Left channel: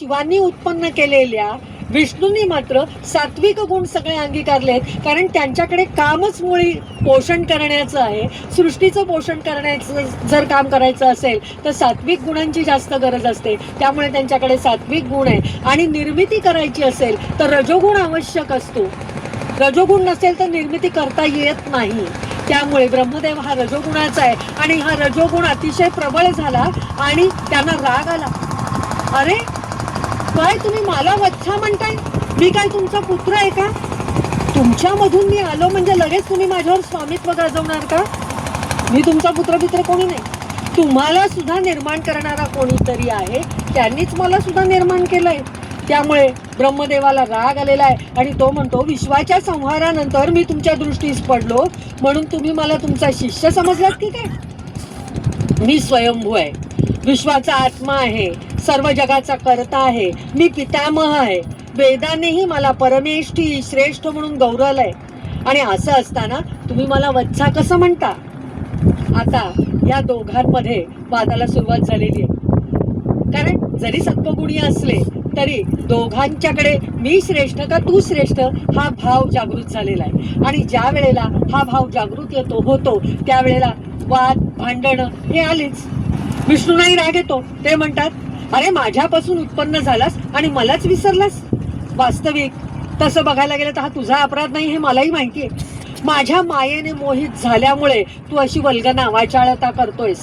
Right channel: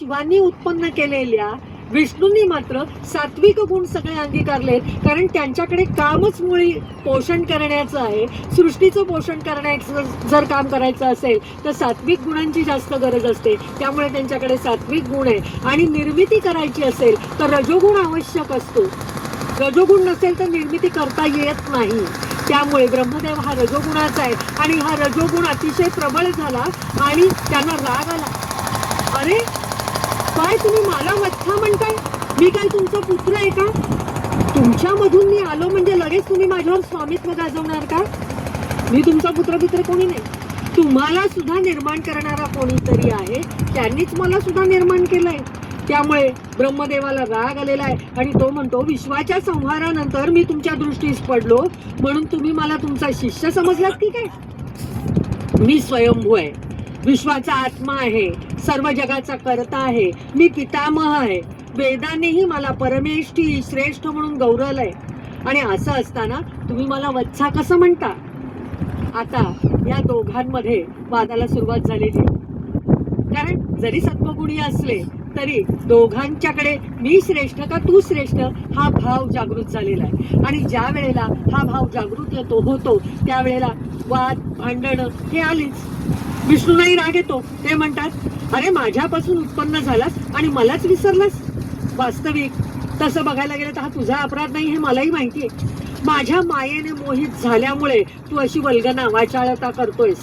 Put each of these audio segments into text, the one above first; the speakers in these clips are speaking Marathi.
शिवांनी उत्पन्न केलेल्या विष्णूंनी मात्र सात्विक गुण सगळे अंगीकारलेत. कारण त्यांच्याकडे कामच मुळी पोषण करण्याचं आहे. सृष्टीचं पोषण करण्याचं जर काम करायचं असेल तर सात्विक गुणांची जास्त गरज असते. त्यामुळे त्यांच्याकडे सात्विक गुण आहे. आणि निर्मिती करायची असेल तर रजोगुण आवश्यक असतो. रजोगुण नसेल तर निर्मिती करता येत नाही. त्यामुळे ब्रह्मदेव हा रजोगुणाचा आहे. आणि हा रजोगुण अतिशय प्रबळ झाला आणि त्यांना राग आला. अरे काय तुम्ही मला वच्छा म्हणताय? मी काय तुमचा पुत्र आहे का? तुमच्यामधून मी आलो म्हणजे लगेच तुम्ही माझ्यावर स्वामित्व गाजवणार का? मी तुमचा पुत्र पित्र कोणी नाही. तुम्हाला सुद्धा निर्माण करणारा कोणीतरी आहे. त्यांनीच मला सुद्धा निर्माण केलंय. त्यामुळे ब्रह्मदेवाला राग आलेला आहे. आणि तो म्हणतो विश्वाच्या संहारानंतर मी तुमच्या दृष्टीस पडलो. म्हणून तुम्ही मला तुमचा शिष्य समजलात की काय? मी स्वयंभू आहे. विश्वाचा आत्मा आहे सर्व जगाचा कर्ता आहे मी पितामह आहे. वेदानेही मला परमेष्ठी श्रेष्ठ म्हणून गौरवलंय. आणि असं असताना तुम्ही मला वत्सा कसं म्हणता? आता या दोघांमध्ये वादाला सुरुवात झालेली आहे. कारण जरी सत्वगुणी असले तरी दोघांच्याकडे मी श्रेष्ठ का तू श्रेष्ठ हा भाव जागृत झालेला आहे. आणि ज्या वेळेला हा भाव जागृत येतो होतो त्यावेळेला वाद भांडणं हे आलीच. विष्णूनाही राग येतो. ते म्हणतात अरे माझ्यापासून उत्पन्न झालास आणि मलाच विसरलास. वास्तविक. तसं बघायला गेलं तर हा तुझा अपराध नाही हे मलाही माहिती आहे माझ्या मायेने मोहित झाल्यामुळे तू अशी वल्गना वाचाळता करतोयस.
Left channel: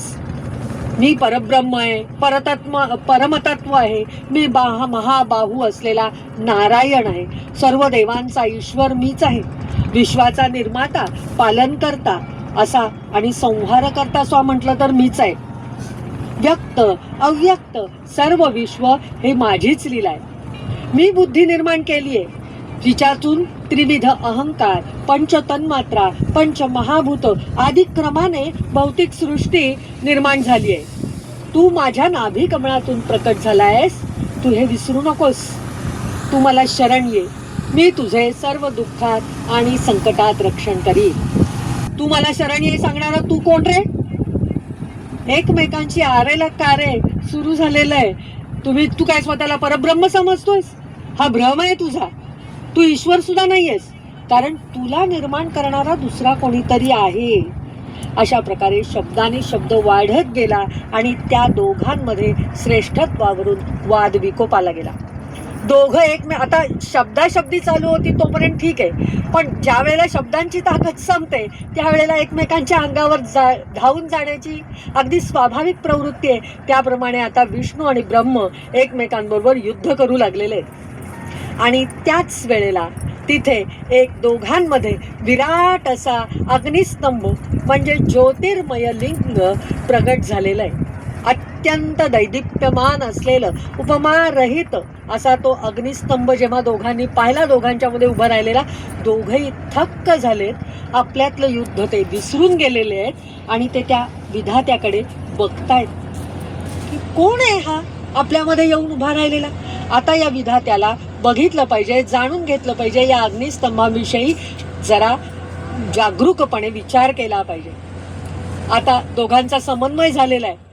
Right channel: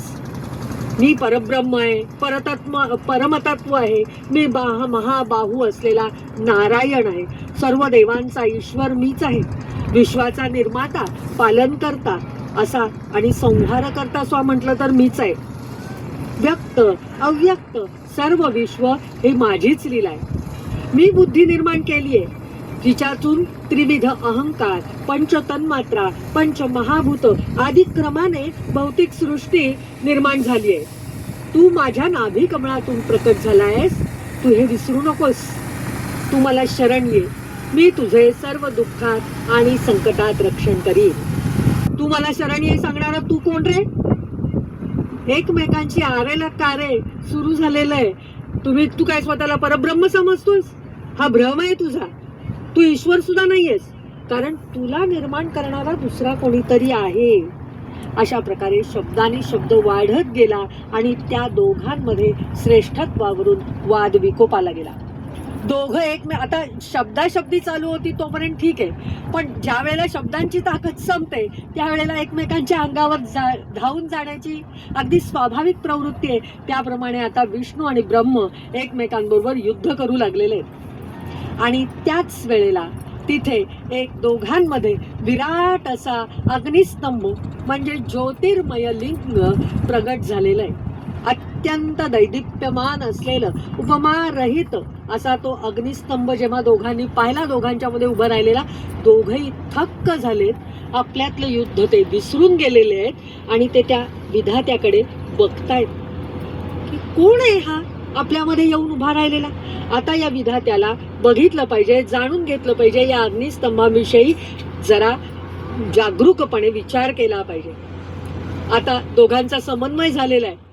मी परब्रह्म आहे परतत्म परमतत्व आहे. मी बाह महाबाहू असलेला नारायण आहे. सर्व देवांचा ईश्वर मीच आहे. विश्वाचा निर्माता पालन करता असा आणि संहार करता स्वा म्हटलं तर मीच आहे. व्यक्त अव्यक्त सर्व विश्व हे माझीच लीला आहे. मी बुद्धी निर्माण केली आहे. तिच्यातून त्रिविध अहंकार पंच तन्मात्रा पंच महाभूत आदी क्रमाने भौतिक सृष्टी निर्माण झाली आहे. तू माझ्या नाभी कमळातून प्रकट झाला आहेस तू हे विसरू नकोस. तू मला शरण ये. मी तुझे सर्व दुःखात आणि संकटात रक्षण करीन. तू मला शरण ये सांगणारा तू कोण रे? एकमेकांची आरेला कारे सुरू झालेलं आहे तुम्ही तू काय स्वतःला परब्रह्म समजतोयस? हा भ्रम आहे तुझा. तू ईश्वर सुद्धा नाहीयेस. कारण तुला निर्माण करणारा दुसरा कोणीतरी आहे. अशा प्रकारे शब्दाने शब्द वाढत गेला आणि त्या दोघांमध्ये श्रेष्ठत्वावरून वाद विकोपाला गेला. दोघं एकमे आता शब्दाशब्दी चालू होती तोपर्यंत ठीक आहे. पण ज्या वेळेला शब्दांची ताकद संपते त्यावेळेला एकमेकांच्या अंगावर जा धावून जाण्याची अगदी स्वाभाविक प्रवृत्ती आहे. त्याप्रमाणे आता विष्णू आणि ब्रह्म एकमेकांबरोबर युद्ध करू लागलेले आहेत. आणि त्याच वेळेला तिथे एक दोघांमध्ये विराट असा अग्निस्तंभ म्हणजे ज्योतिर्मय लिंग प्रगट झालेला आहे. अत्यंत दैदिप्यमान असलेलं उपमारहित असा तो अग्निस्तंभ जेव्हा दोघांनी पाहिला दोघांच्या मध्ये राहिलेला दोघंही थक्क झालेत. आपल्यातलं युद्ध ते विसरून गेलेले आहेत आणि ते त्या विधात्याकडे बघतायत. की कोण आहे हा? आपल्यामध्ये येऊन उभा राहिलेला. आता या विधात्याला बघितलं पाहिजे जाणून घेतलं पाहिजे या अग्निस्तंभाविषयी. जरा जागरूकपणे विचार केला पाहिजे. आता दोघांचा समन्वय झालेला आहे.